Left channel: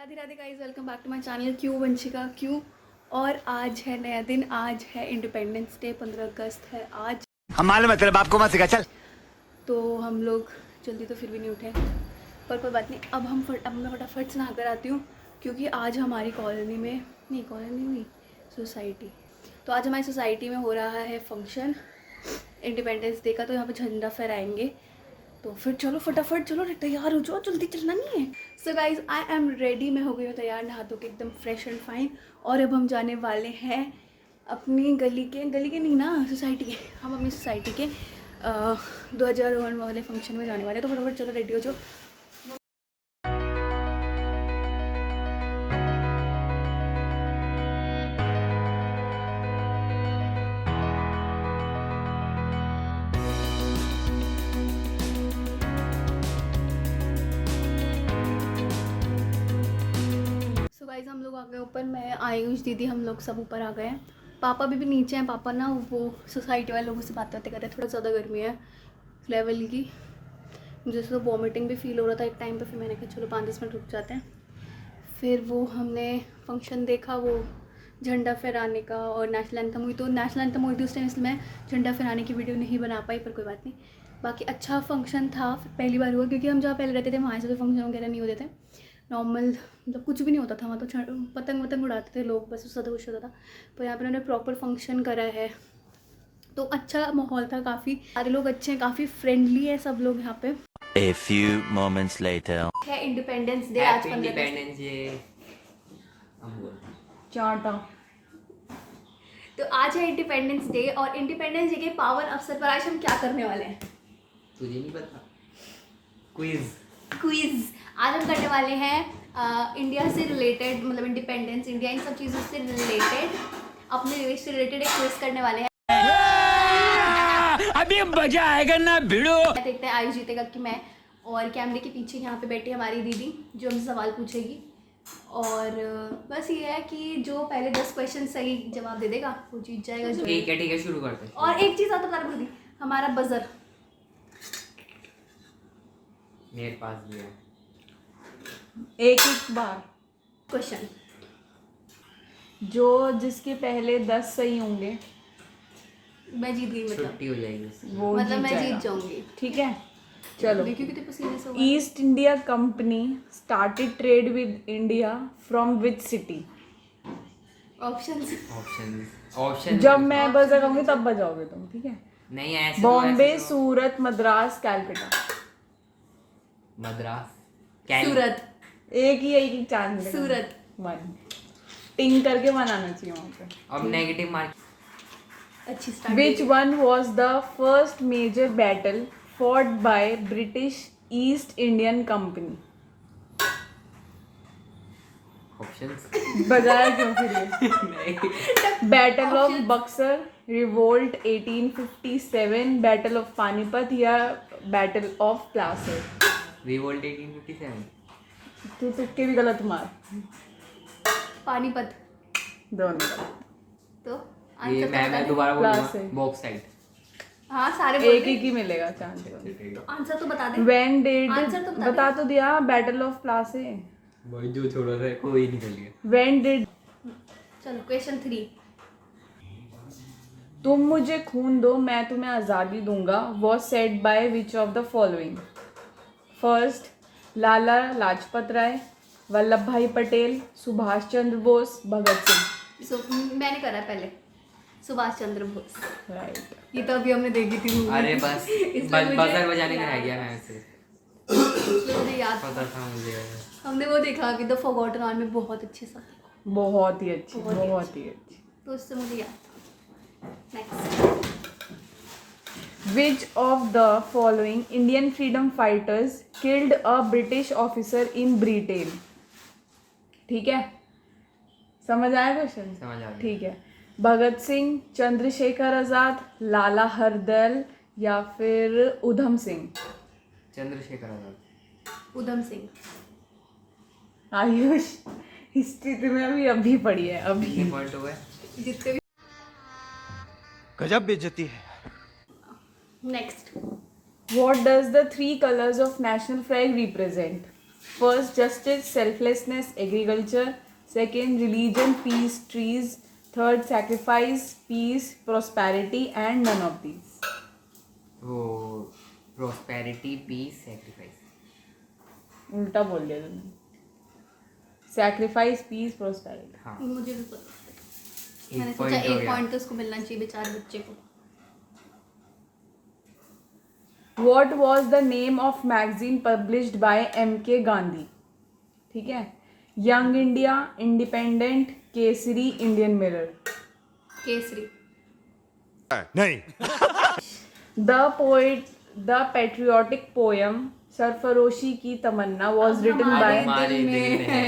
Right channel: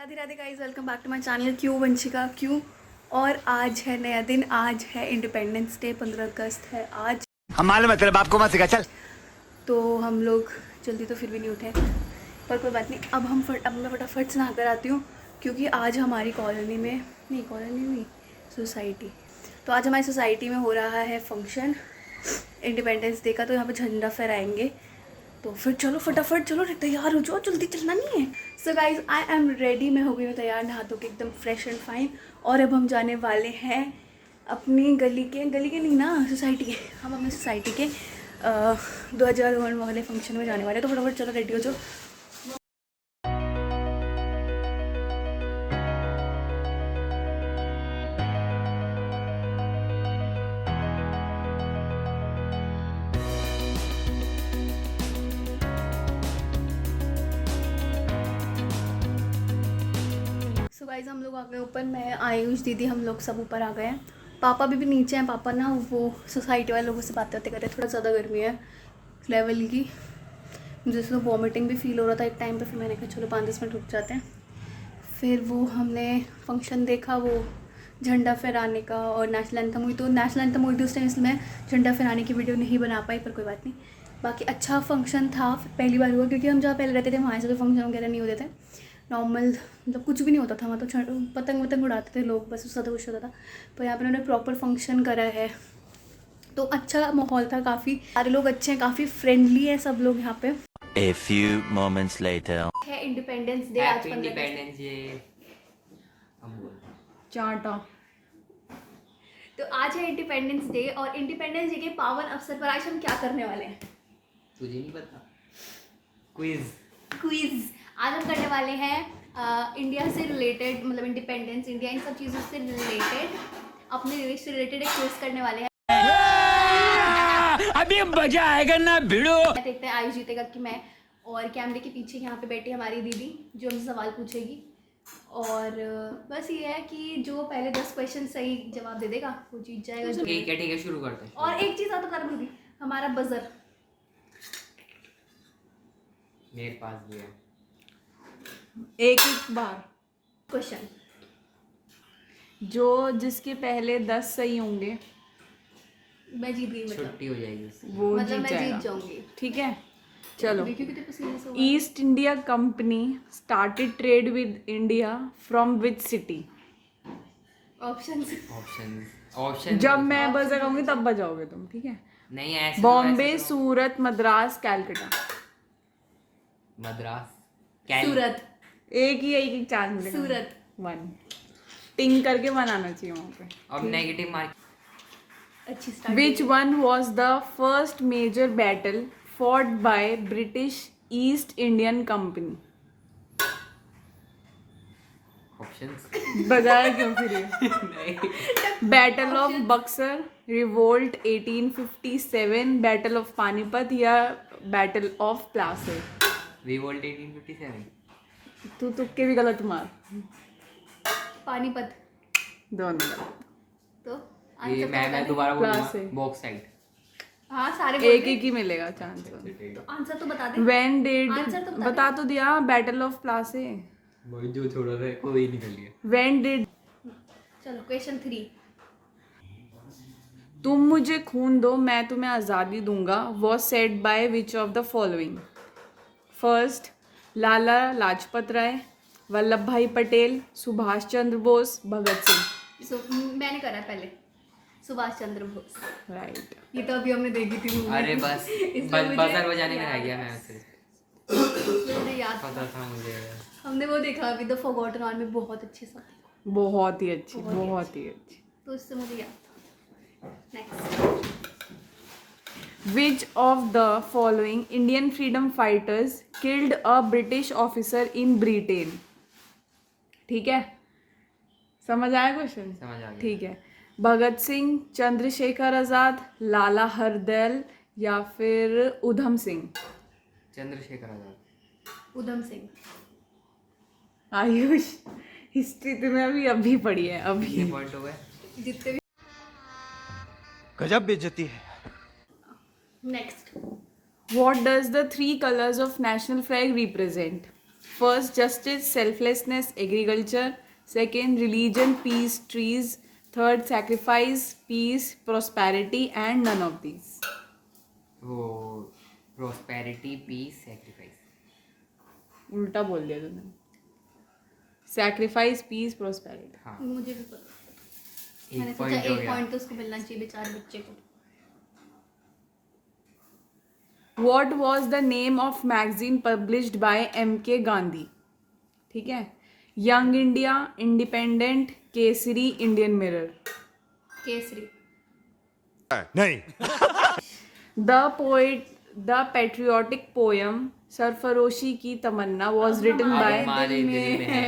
Radhe Radhe guys, welcome back to my channel क्यों वंशिका क्यों। और आज है नया दिन, आज है इंडिपेंडेंस डे, 15 अगस्त है आज। हम मालूम है तेरे बाप को मत सिखा चल। तो हम लोग जल्दी तो फिर भी नहीं उठे, पर कोई बात नहीं। अब मैं फटाफट से नहा कर आती हूँ, क्योंकि आज हमारी कॉलोनी में नहीं सोसाइटी, तो आज हमारी सोसाइटी में हो रहा है फंक्शन इंडिपेंडेंस डे का। तो यहाँ पे झंडा फहराएंगे, तो फिर चलो फटाफट चलो तैयार हो जाओ, जल्दी चलना नहीं है। So guys I am ready, मैं हो गई हूँ तैयार, नहा धो के एकदम फ्रेश एंड फाइन। और अब हम जाने वाले हैं अपनी गली के नहीं ना, सोसाइटी के। हम अपनी सोसाइटी के 2001 वाले फंक्शन में जाने वाले हैं। तो फटाफट चलो रेडी हो जाओ। सो गाइज हम लोग आ गए ऊपर, मैं आयुष दीदी हम लोग सब ऊपर आ गए हैं। पापा भी नीचे हैं। पापा ना वो सोसाइटी वाले लोगों से बातें करते हैं, थोड़ा ज़्यादा गर्मी है लेवल की, मुझे तो वॉमिटिंग भी फील हो रहा था एक टाइम पे। फिर मैंने कहा चलो 5-10 मिनट रुक जाते हैं। फिर वो हमने फंक्शन देखा, वो झंडा फहराने का और नेशनल एंथम हुई। तो नेशनल एंथम हुई थी उस टाइम, इसलिए मैं झंडा फहराने की वीडियो नहीं बना पाई, पर कोई बात नहीं। बाकी अच्छा फंक्शन था, पहली बार हुआ, क्योंकि हम जहाँ पहले रहते थे वहाँ से तो फंक्शन वगैरह नहीं होते थे। नॉर्मल मतलब कुछ भी नहीं होता था वहाँ, तो पतंग उड़ाते थे लोग, बस उससे कुछ होता था। पर यहाँ पर उन्होंने प्रॉपर फंक्शन करा है, तो अच्छा माहौल था, काफ़ी सारे लोग अच्छे हैं, काफ़ी फ्रेंडली है सब लोग यहाँ पे। A few moments later. है इंडिपेंडेंस डे आज 15 अगस्त। तो आज है इंडिपेंडेंस डे, और इंडिपेंडेंस डे के पावन अवसर पर आज हम क्या करने वाले हैं तुझे नहीं पता? क्विज आज हम करने वाले हैं। इंडिया से रिलेटेड, मतलब इंडिपेंडेंस, इंडिया, इन सब चीज़ों से रिलेटेड, अपने देश से रिलेटेड एक क्विज करने वाले हैं। अभी मजा आएगा ना भिड़ो। देखते हैं आयुष जीतेगा कि मैं। और कैमरे के पीछे यहाँ पे बैठी हमारी दीदी, जो हमसे सवाल पूछेगी। और बस ये है कि जो पहले 10 क्वेश्चन सही जवाब दे देगा वो जीत जाएगा। ठीक है शुरू करते हैं। और एक चीज़ और बता दूँ, हमारा बजर मेरे पास भी है। एक बार क्वेश्चन, जो जिसके पहले 10 सही होंगे मैं जीत गई, मतलब छुट्टी हो जाएगी उससे। वो मतलब जीत मैं जीत जाएगा। जाऊंगी। ठीक है चलो। देखियो कितने पसीने से हुआ है। East India company started trade with India from which city? Options option जब मैं बजाऊंगी तब बजाओगे तुम, ठीक है? नहीं ऐसे बॉम्बे, सूरत, मद्रास, कैलकाटा। मद्रास, सूरत, एक ही चांस मिलेगा। सूरत। 1 टिंग करके बनाना चाहिए वहाँ पे। अब नेगेटिव मार्क। अच्छी start. Which one was the first major battle fought by British East Indian Company? Options बजाया क्यों फिर ये? Battle of Buxar, revolt 1857, battle of Panipat या बैटल ऑफ प्लासी? रिवोल्ट 1857। तू तुक्के भी गलत मार। पानीपत। दोनों तो ये आंसर मैं दोबारा प्लासी। बोलूंगा। बॉक्साइट। हाँ सारे बोल एक दे। ही मिलेगा चांस। तो आंसर तो बता दे। When did आंसर तो बता बता तो दिया, बैटल ऑफ प्लासी। भाई जो छोड़ा था कोई नहीं कर लिया। When did चलो क्वेश्चन 3। तुम मुझे खून दो मैं तुम्हें आज़ादी दूंगा was said by which of the following? First, Lala Lajpat Rai, Vallabh Bhai Patel, Subhash Chandra Bose, Bhagat Singh. मैंने करा है पहले, सुभाष चंद्र बोस। राइट। ये तो अभी हमने देखी थी movie। अरे बस इसलिए मुझे बजर बजाने में याद रह गया है। मैं ऐसे। इसलिए मुझे याद था। पता था मुझे। हमने वो देखा अभी द फॉरगॉटन आर्मी, बहुत अच्छी सब, बहुत ही अच्छी, बहुत ही बहुत ही अच्छी। तो उससे मुझे याद था। Next, Which of the following Indian freedom fighters killed a British officer in Britain? ठीक है, समझ आया क्वेश्चन? समझ आ गया। ठीक है। भगत सिंह, चंद्रशेखर आजाद, लाला हरदयाल या फिर उधम सिंह? चंद्रशेखर आजाद। उधम सिंह। आयुष हिस्ट्री तुम्हें अभी पढ़ी है अभी। कितने पॉइंट हो गए? जितने भी। गजब बेइज्जती है। Next, What does the 3 colors of national flag represent? First, justice, selflessness, agriculture. Second, religion, peace, trees. Third, sacrifice, peace, prosperity, and none of these. वो prosperity, peace, sacrifice. उल्टा बोल दिया तुमने. Sacrifice, peace, prosperity. हाँ मुझे भी पता मैंने एक सोचा पॉइंट हो एक गया. पॉइंट तो उसको मिलना चाहिए बेचारे बच्चे को. What was the name of magazine published by M.K. Gandhi? ठीक है. Young India, Independent, Kesari, Indian Mirror. Kesari. The patriotic poem सरफरोशी की तमन्ना was written by हमारे दिल में है,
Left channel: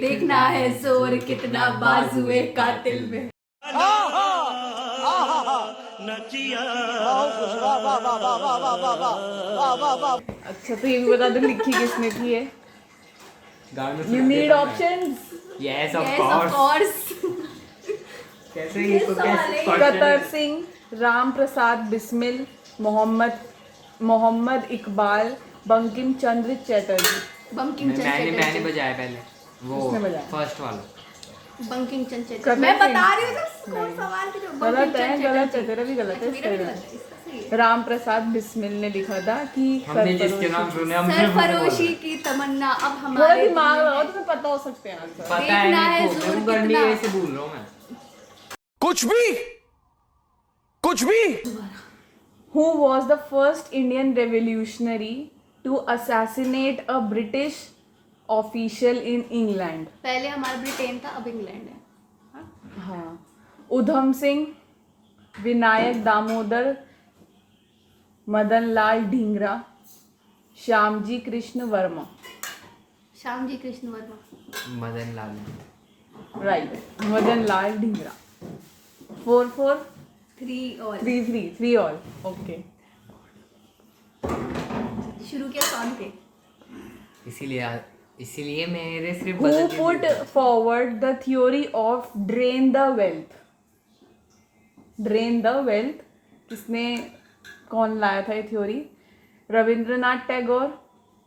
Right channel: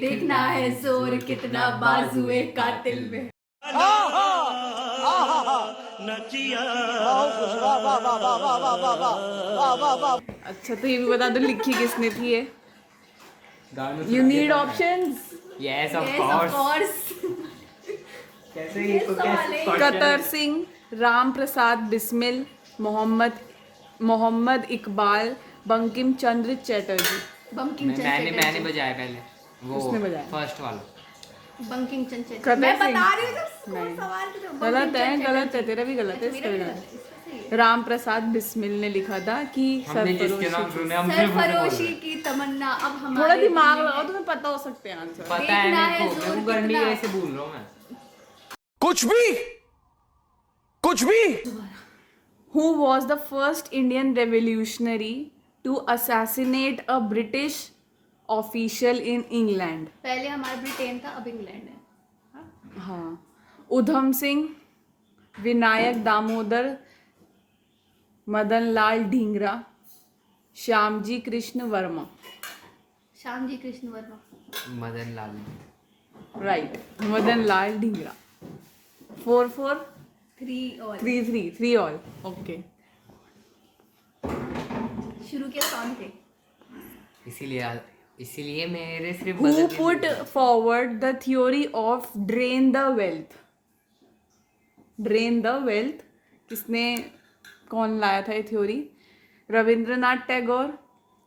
देखना है जोर कितना बाजुए कातिल में. अच्छा तो ये भी बता दो लिखी किसने थी ये. गानों You need options. Yes, of Yes, of course. course. कैसे ये तो सवाल है. कतर सिंह, राम प्रसाद बिस्मिल, मोहम्मद इकबाल, बंकिम चंद्र चटर्जी. बंकिम मैंने चंद्र बजाया पहले वो उसने बजाया. फर्स्ट वाला. बंकिम चंद्र कतर मैं सिंह. बता रही हूँ तो कौन सवाल के गलत है तेरा भी गलत है. मेरा भी गलत है. इसका सही है. राम प्रसाद बिस्मिल ने लिखा था कि हमने जिसके नाम सुने हम सिर्फ सरफरोशी की तमन्ना अब थोड़ा हमारे दिमाग लगाओ तुम्हें पता हो सकते हैं आंसर. पता है देखना मेरे है को, जोर मैं करने कितना. ऐसे भूल रहा हूँ मैं. कुछ भी Who was the first Indian revolutionary to assassinate a British official in England? पहले हमारा ब्रिटेन था अब इंग्लैंड है. हाँ. उधम सिंह, विनायक दामोदर, मदन लाल ढींगरा, श्यामजी कृष्ण वर्मा. श्याम जी कृष्ण वर्मा. मदन लाल. राइट. मदन लाल ढींगरा. 4-4. 3 और 3 all. Okay. शुरू किया कौन थे. इसीलिए मेरे सिर्फ Who put forward the theory of drain the wealth? Drain the wealth किसने कौन लाया था ये थ्योरी? रविंद्रनाथ टैगोर,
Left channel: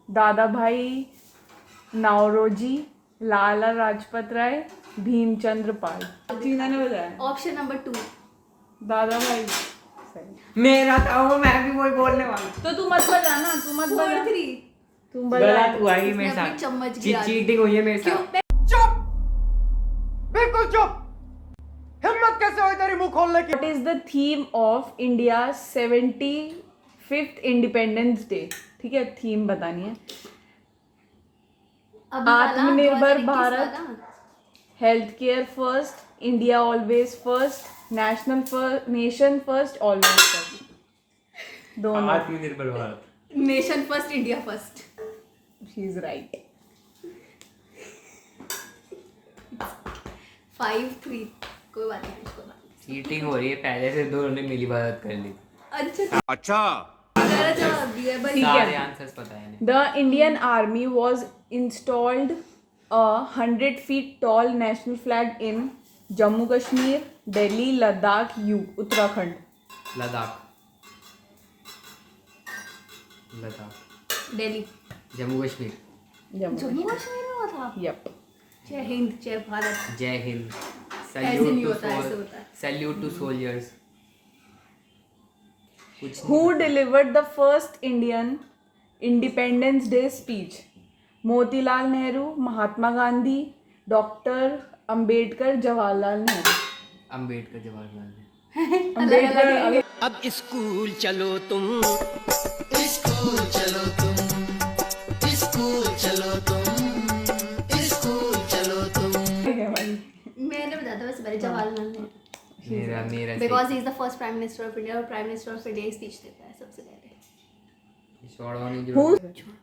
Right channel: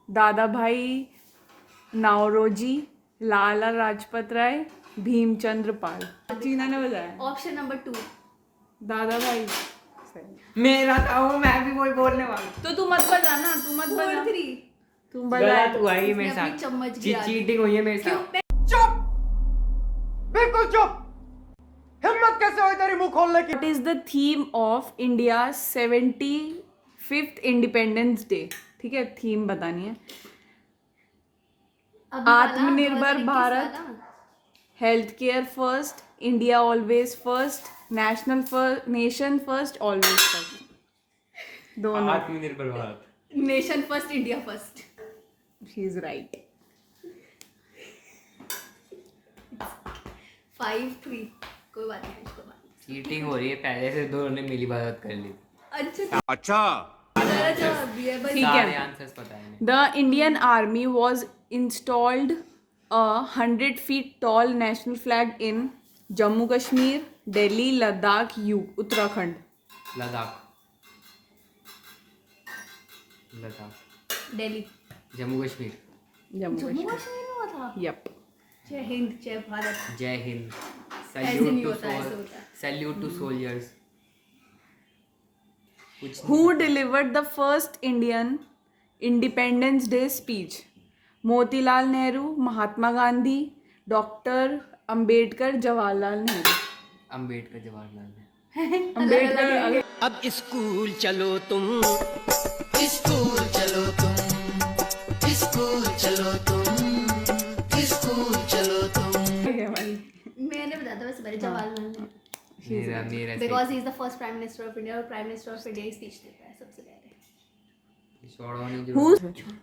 दादा भाई नाओरोजी, लाला लाजपत राय, भीमचंद्र पाल. जीना ने बताया. Option number 2. दादा भाई. मेरा था वो, मैं भी वही बोलने वाला. तो तू मत बजा ना. तू मत बजा. 4-3. तुम बजा. गलत हुआ ही मेरे इसने अपनी साथ. चम्मच गिरा दी. चीटिंग हुई है मेरे क्यों? साथ. बिल्कुल चुप हिम्मत कैसे हो तेरी मुंह खोलने की What is the theme of India's 75th Independence Day? ठीक है. थीम बतानी है. अभी वाला, आत्मनिर्भर 2021 भारत, वाला. Health care first, India always first, nation first, always first. दोनों. आत्मनिर्भर Bharat. Nation first India first. She is right. 5-3. कोई बात नहीं कोई बात नहीं. चीटिंग हो रही है. पहले से दोनों ने मिली बात कर ली. अच्छा गलत जवाब दिया भाई. ठीक है. सारे आंसर्स पता है. The Indian Army was installed a 100 feet tall national flag in Jammu Kashmir, Delhi, Ladakh, Uttarakhand. Ladakh. Delhi. Jammu Kashmir. Jammu Jammu Kashmir में हुआ था. Yep. जय हिंद जय भारत. जय हिंद. ऐसे नहीं होता, ऐसे होता है. Salute to soldiers. Who delivered the first Indian Independence Day speech? Motilal Nehru, Mahatma Gandhi, doctor Ambedkar, Jawaharlal Nehru. Ambedkar Jawaharlal Nehru. Ambedkar. अब स्कूल चलो तुम मैंने बताया था वैसे पहले जवाहरलाल नेहरू. मेरा because he is the first prime minister of India और prime minister of India speech देता है सबसे पहले.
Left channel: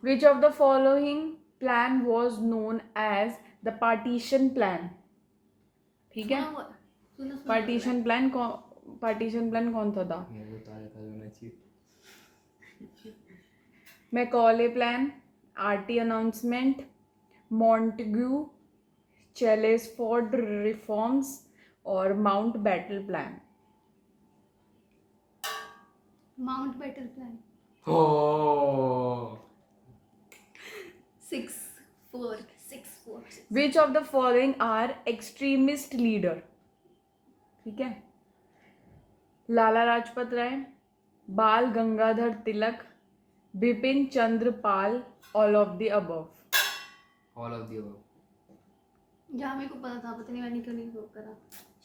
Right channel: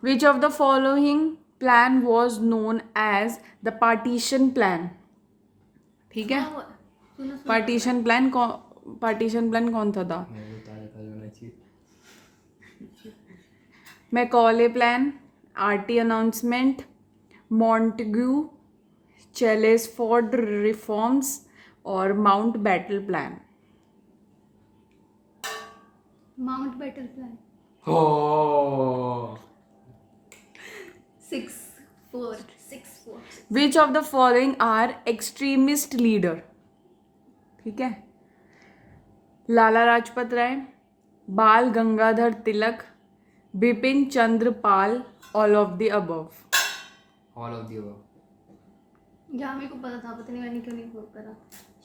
Which of the following plan was known as the partition plan? ठीक है. पार्टीशन प्लान कौन था? मैकॉले प्लान, आरटी अनाउंसमेंट, मॉन्टेग्यू, चेलेसफोर्ड रिफॉर्म्स और Mountbatten plan. Mountbatten plan. 6 4 6 4 which of the following are extremist leader? ठीक है, Lala Lajpat Rai, Bal Gangadhar Tilak, Bipin Chandra Pal, all of the above. All of the above. यहाँ मेरे को पता था, पता नहीं मैंने क्यों नहीं वो करा।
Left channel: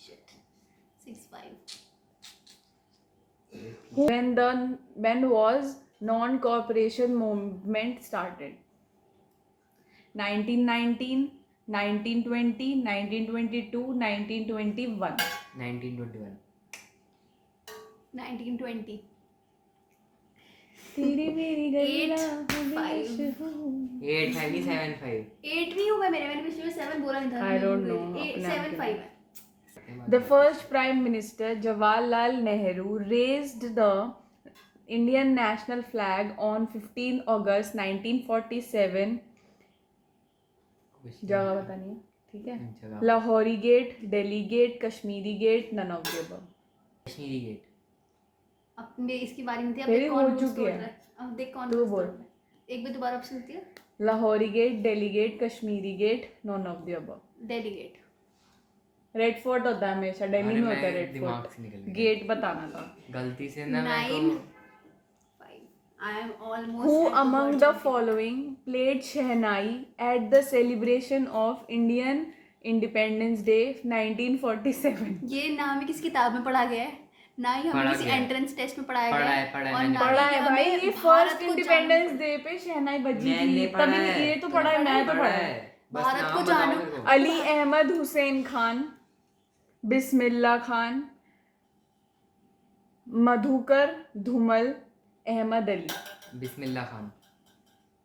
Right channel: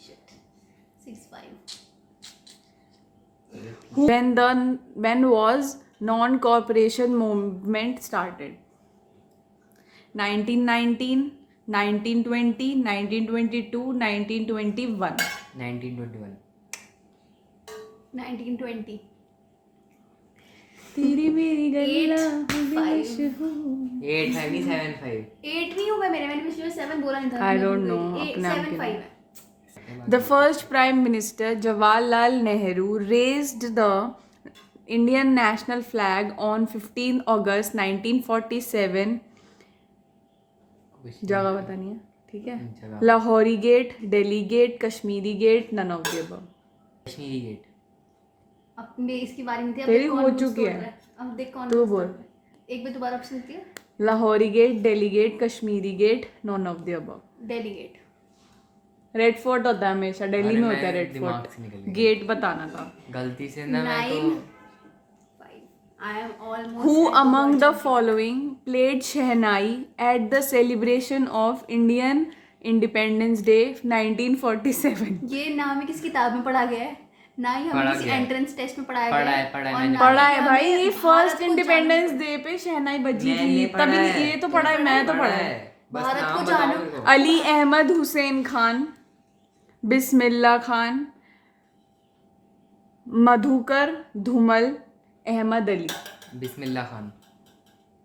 Shit 6 5 When was non-cooperation movement started? 1919, 1920, 1922, 1921. 1921। 1920 तेरी मेरी गलियां 5 8 5 7 5। 8 नहीं होगा मेरे, मैंने पिछले 7 बोला नहीं था। I don't know, अपने आप 7 के 5 है। The first Prime Minister Jawaharlal Nehru raised the Indian national flag on 15 August 1947. जगह बतानी है, ठीक है? जगह। Lahori gate, Delhi gate, Kashmiri gate, none of the above. Kashmiri gate. अब मैं इसकी बारी में थी, अब तेरी देख कौन हो lose चुकी कर है। रहा अब देख कौन तू lose बोल। कर रहा है। एक बार दोबारा ऑप्शन देती है। Lahori gate, Delhi gate, Kashmiri gate, none of the above. Delhi gate. Red fort होता है हमेशा, दिल्ली अरे में होता है मैं रेड दिमाग फोर्ट। से निकल गया। गेट बताना था। गलती से ना मैं 9 तो 5 I am almost Who at the among the bottom. following played Shehnai at the celebration of Indian Independence Day 1947? ये ना हमें किस किताब में पढ़ा गया है, ना ही पढ़ा हमें किसी गया है। एंट्रेंस टेस्ट में पढ़ाया पढ़ा गया है, पढ़ा है, और मैंने ना पढ़ा ही है भाई, हमें ये भारत फर्स्ट को इंडिपेंडेंस जानना डे पे शहनाई बजी मैंने थी, पढ़ा तभी है। ये तो पढ़ा है, मैं तो पढ़ा है। बस भारत नाम को बताओ जानो। मेरे को। अली अहमद हुसैन खान, बिस्मिल्लाह खान, मधुकर धूमल, अहमद अली। बिस्मिल्लाह खान।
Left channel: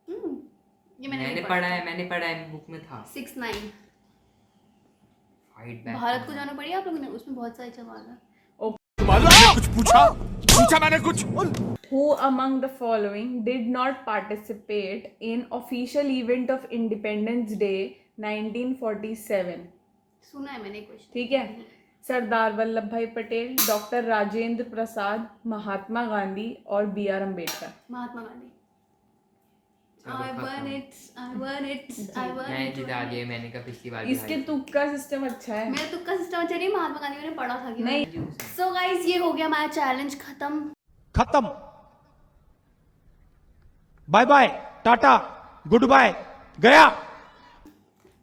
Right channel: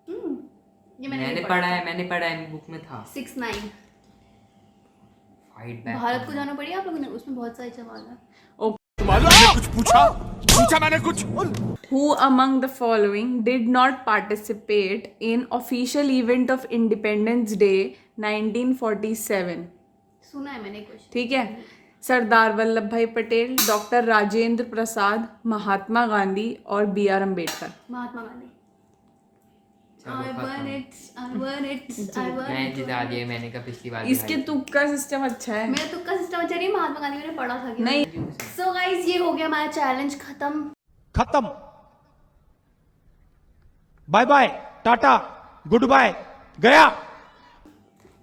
ये मैंने नहीं पढ़ा है, मैंने पढ़ा है, बुक में था। 6 9 फाइट बैक। भारत को जाना पड़ेगा आप लोगों ने, उसमें बहुत सारे सवाल है। कुछ पूछा मैंने कुछ। Who among the following did not participate in official event of Independence Day 1947? सुना है मैंने कुछ। ठीक है, सरदार वल्लभ भाई पटेल, डॉक्टर राजेंद्र प्रसाद, महात्मा गांधी और बी आर अम्बेडकर। महात्मा गांधी। चलो, I खत्म। won it, I won it, I won मैं it. जिता गया, मैंने कहा पिछली बार इसके तुक्का सिस्टम अच्छा है। मेरा तुक्का सिस्टम अच्छा नहीं, महात्मा गांधी मैंने पढ़ा था कि नहीं। सो गाइस ये हो गया हमारा चैलेंज खत्म। खत्म। Bye bye, tata, goodbye, गया।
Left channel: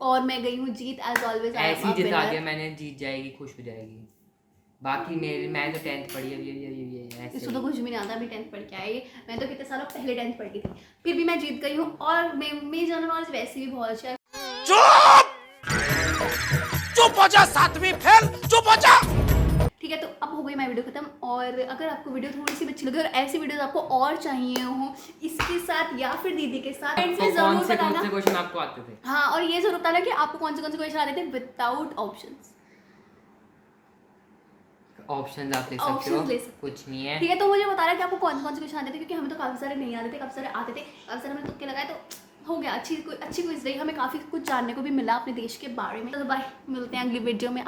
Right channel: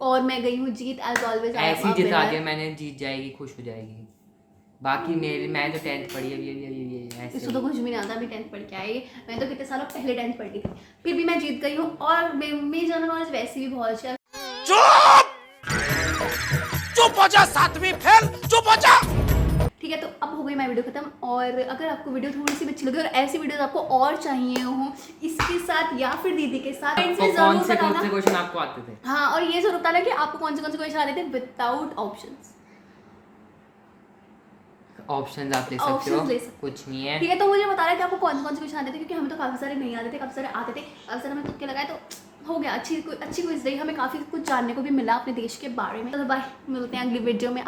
और मैं गई हूँ जीत एज ऑलवेज। ऐसी जिता गया, मैंने जीत जाएगी, खुश हो जाएगी। बाकी मेरे मैं तो 10th पढ़ी अभी ऐसे। इसको तो कुछ भी नहीं आता, अभी 10th पढ़ के आई। मैं तो कितने सालों पहले 10th पढ़ी थी, फिर भी मैं जीत गई हूँ। और मेरी जनरल नॉलेज वैसे भी बहुत अच्छा है। चुप हो जा, 7वीं फेल, चुप हो जा। ठीक है, तो अब हो गई मैं वीडियो खत्म। और अगर आपको वीडियो थोड़ी सी अच्छी लगी और ऐसी वीडियोस आपको और चाहिए हो इसके साथ या फिर दीदी के साथ, तो इसमें कौन जरूर से बताना। क्वेश्चन आपको आते थे? हाँ, और ये जरूर बताना कि आपको कौन से क्वेश्चन आ रहे थे विदाउट ऑप्शंस। ऑप्शंस आप ले सकते Options हो, ले सकते। कुछ नहीं है। ठीक है, तो मुझे बताना कि आपको कौन से क्वेश्चन आते थे, क्योंकि हमें तो काफ़ी सारे नहीं आते थे, काफ़ी सारे आते थे, काफ़ी सारे हमें तुक्के लगाए, तो हो गया। अच्छी क्विज रही, हमें काफ़ी कुछ जानने को भी मिला अपने देश के बारे में। तो बाय, मिलते हैं अगली वीडियो में।